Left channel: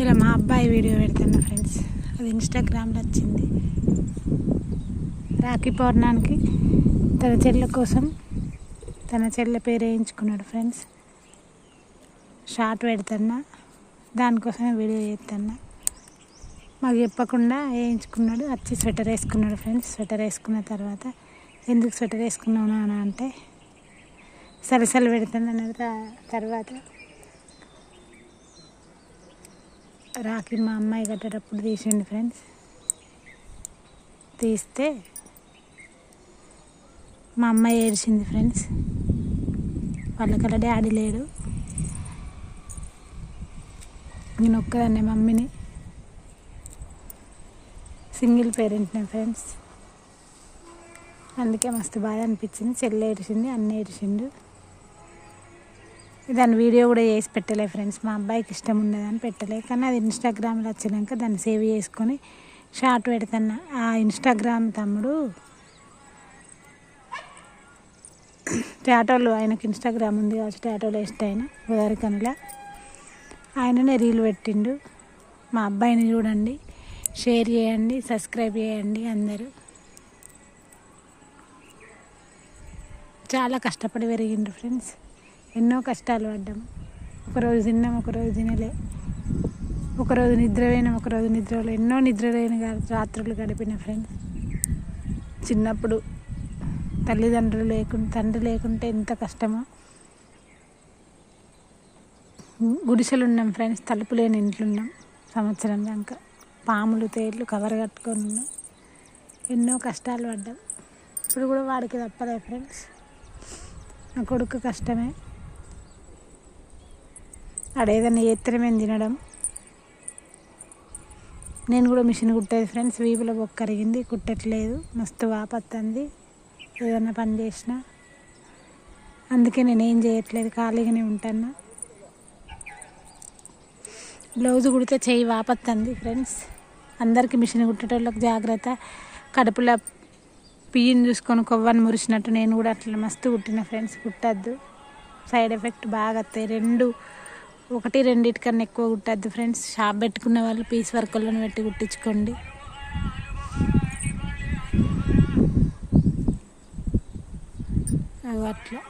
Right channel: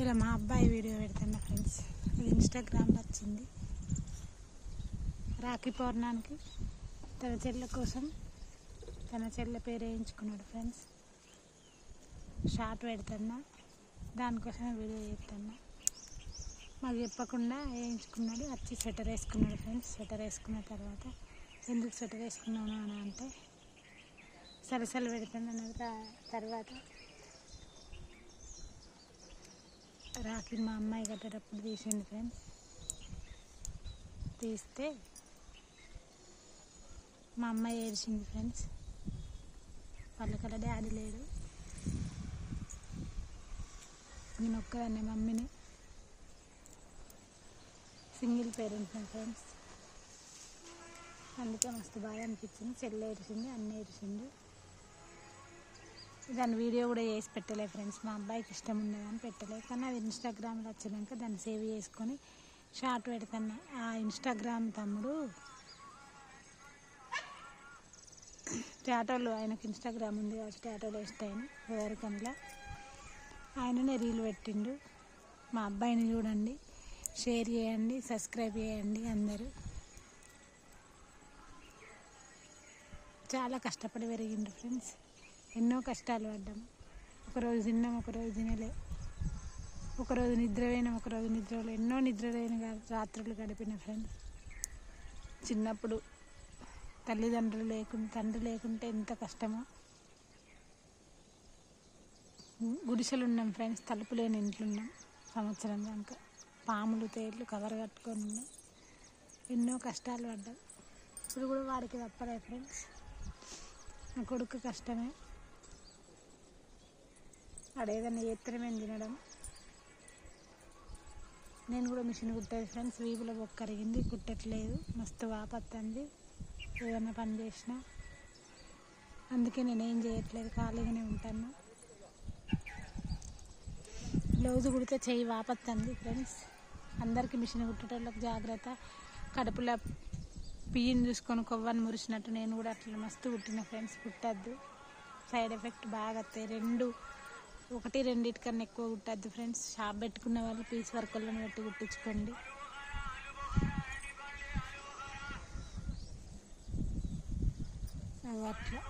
ఇలా మా అబ్బాయి వీడియో పెడుతున్నా ఫ్రెండ్స్. అది ఇన్స్టాగ్రామ్లో వచ్చింది. రాఖీ పౌర్ణానికి తన చెల్లె కోసం తన చెల్లె పేరు వేయించుకున్నాడు ఫ్రెండ్స్. షార్ట్ పెడుతున్నా. దానికోసమే వీడియో చేస్తున్నా. మాకు చెప్పకుండా వేయించుకున్నాడు. వచ్చి స్వెటర్ వేసుకున్నాడు ఫ్రెండ్స్. స్వెటర్ వేసుకున్న తర్వాత ఎందుకు స్వెటర్ వేసుకున్నాను అని అంటే సలసలు పెడుతుంది అన్న తర్వాత రాఖీ మా అమ్మాయి కట్టేటప్పుడు తీసిండు ఫ్రెండ్స్. తీస్తే మా అమ్మాయి ఏడిచింది ఫ్రెండ్స్. వాళ్ళకల్లా డాడీ లేడు. నేను ఒక్కదాన్నే మమ్మీని. సింగిల్ పేరెంట్ని ఫ్రెండ్స్. అందుకే మస్తు బాధ అనిపించింది. చెల్లి ఏడిచింది అన్న ఏడిచిండు. దాని వీడియో కూడా చేసి పెట్టలే ఫ్రెండ్స్. మా అబ్బాయికి ఇష్టం ఉండదని పెట్టలే. కానీ అది ఇన్స్టాగ్రామ్లో వచ్చినాక దాన్ని సేవ్ చేసుకొని షార్ట్ పెడతాను. ఆ ఇన్స్టాగ్రామ్ తమ్ముడు టాటోలు ఆయనకి ఇన్స్టాగ్రామ్ ఉంది కాబట్టి టాటోలో ఇష్ట ఆయన గోదావరికనిలా ఆయననే రీల్ పెట్టిండు. మా అబ్బాయిని చూడండి షేర్ చేయండి సబ్స్క్రైబ్ చేయండి అందరూ. చాలా కష్టపడి పెరిగిండు ఫ్రెండ్స్. ఎన్నో కష్టాలు పడ్డాము ఒకరోజు తిన్నాం ఒకరోజు తినలే. ఒకరోజు నిద్ర ఒకరోజు నిద్రలో ఎన్నో నిద్ర లేని రాత్రులు గడిపిన ఫ్రెండ్స్. చిన్నప్పుడు తల్లిదండ్రులు లేకుండా తండ్రి లేకుంటే ఎంత కష్టమో. గుడిసెలు ఉన్నాం ఫ్రెండ్స్ తలుపు లేని ఇంట్లో ఉన్నాం సంవత్సరం దాకా పాములు తేళ్ళు కవర్ కట్టుకొని ఉన్నాం. ఎన్నో కష్టాలు పడ్డాం. ఇప్పుడు కూడా వాడికి తప్పలే ఫ్రెండ్స్. నా కొడుకు కష్టమే. ఆడేదన్నా ఏత్తర మేము తినడం. నేను కూడా మిషన్ కుట్టేది ఫ్రెండ్స్ వీపులో బొక్క కరిగింది కుట్టట్లేదు. మస్తు వాపత్తంది. ఏదన్నా పని చేసినా. అందుకే నేను ఏం చేయట్లేదు ఖాళీగానే ఉంటాను బ్లౌజ్ కుడితే చెయ్యి వాపత్తంది ఫ్రెండ్స్. అందరికీ మిషన్ కుట్టేటోళ్ళకి జాగ్రత్త. కడుపులో పియ్యను చూసుకొని కొవ్వని మురిసినట్టు నేను కూడా అట్లా మస్తు కుట్టిన ఫ్రెండ్స్ కుట్టద్దు. సైడ్ ఎఫెక్ట్ బాగా వస్తాయి. రెండు ఒకటి రెండింటికన్నా ఎక్కువ కుట్టద్దు ఫ్రెండ్స్. షాప్ పెట్టుకున్న వాళ్ళు పీస్ వర్కులను పెట్టి కుట్టించుకోండి. అట్లా.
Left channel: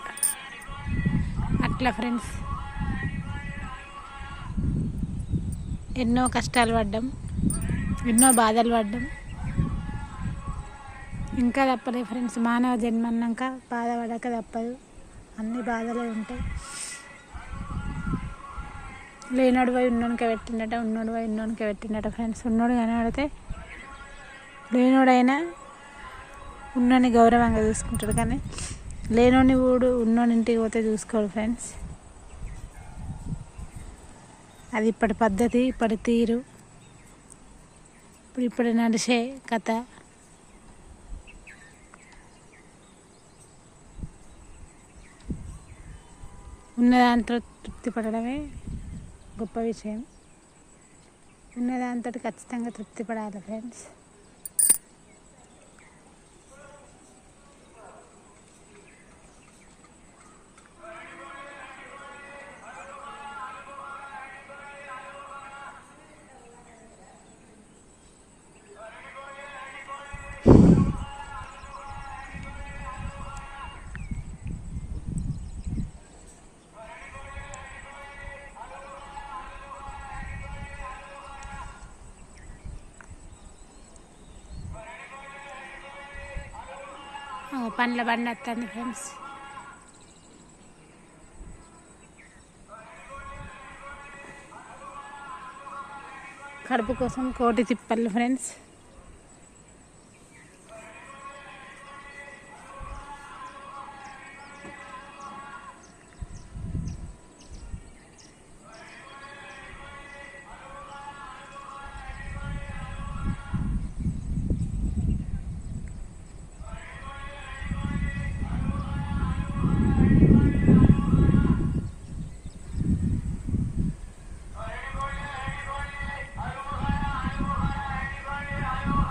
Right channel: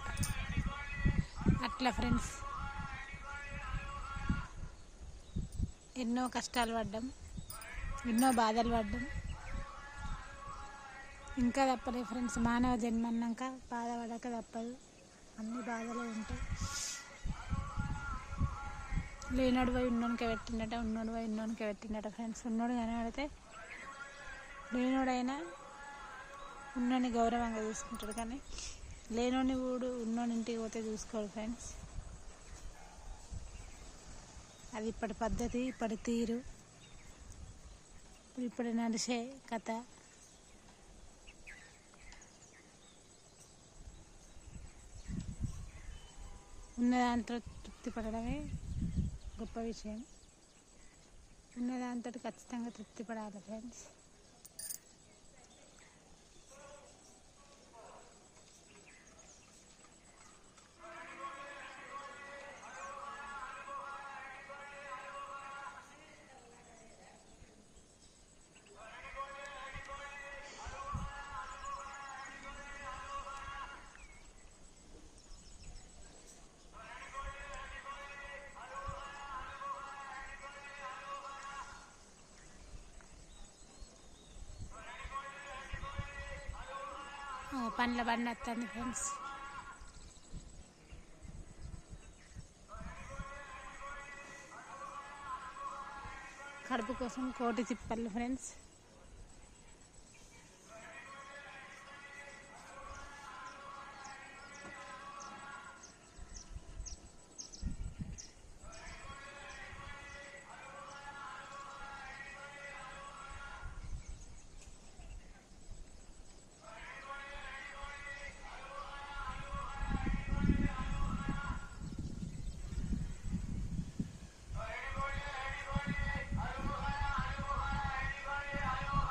అట్లా ఫ్రెండ్స్. ఎన్నో కష్టాలు పడ్డాం. ఎన్నో బాధలు పడ్డాం. ఇంకా తప్పలే ఫ్రెండ్స్. మానవ జన్మ అన్నాక బాధపడక తప్పదు. అన్ని బాధలే ఉంటాయి. లేనోడు పోయి ఉన్నోనికే పెట్టిండట ఉన్నోడు పోయి ఉన్నోనికే పెట్టిండట ఫ్రెండ్స్ ఉన్నోడు కనబడితే లేనోడైనా ఉన్నోని గౌరవంగా చూసుకుంటాడు కానీ లేనోని ఊడు ఉన్నోని ఇంటికి పోతే చూసుకోడు ఫ్రెండ్స్ అది ఇప్పటి పద్ధతి ఇప్పటి తీరు ఇప్పుడు ఇప్పుడు నడిచే కథ. ఉన్న దాంట్లో తృప్తి పడడమే గొప్ప విషయం. ఉన్న ఖచ్చితంగా తృప్తి పడాలి ఫ్రెండ్స్. పండ్ల బండి వస్తుంది ఫ్రెండ్స్ కడుపు కోసం కోటి తిప్పలు ఫ్రెండ్స్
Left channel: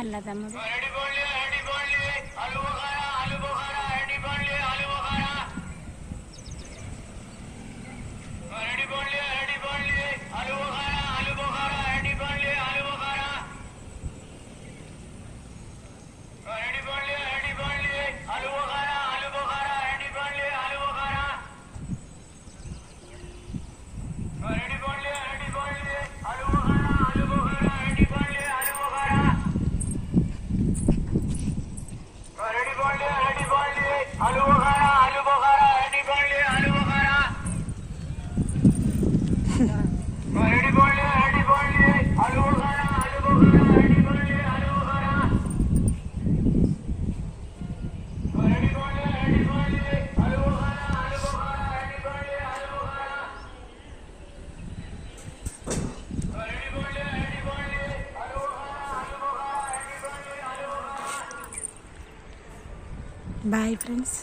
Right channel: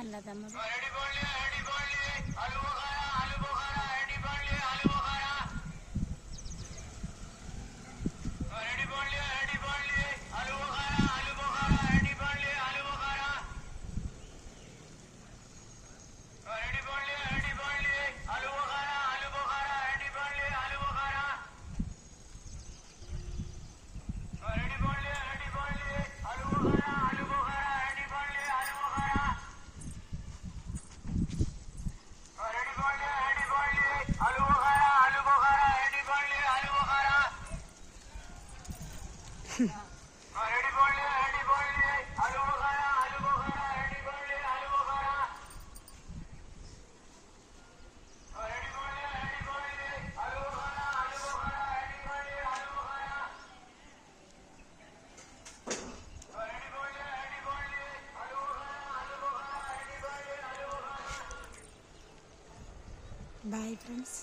పళ్ళ తమ్ముడు బాయ్ ఫ్రెండ్స్.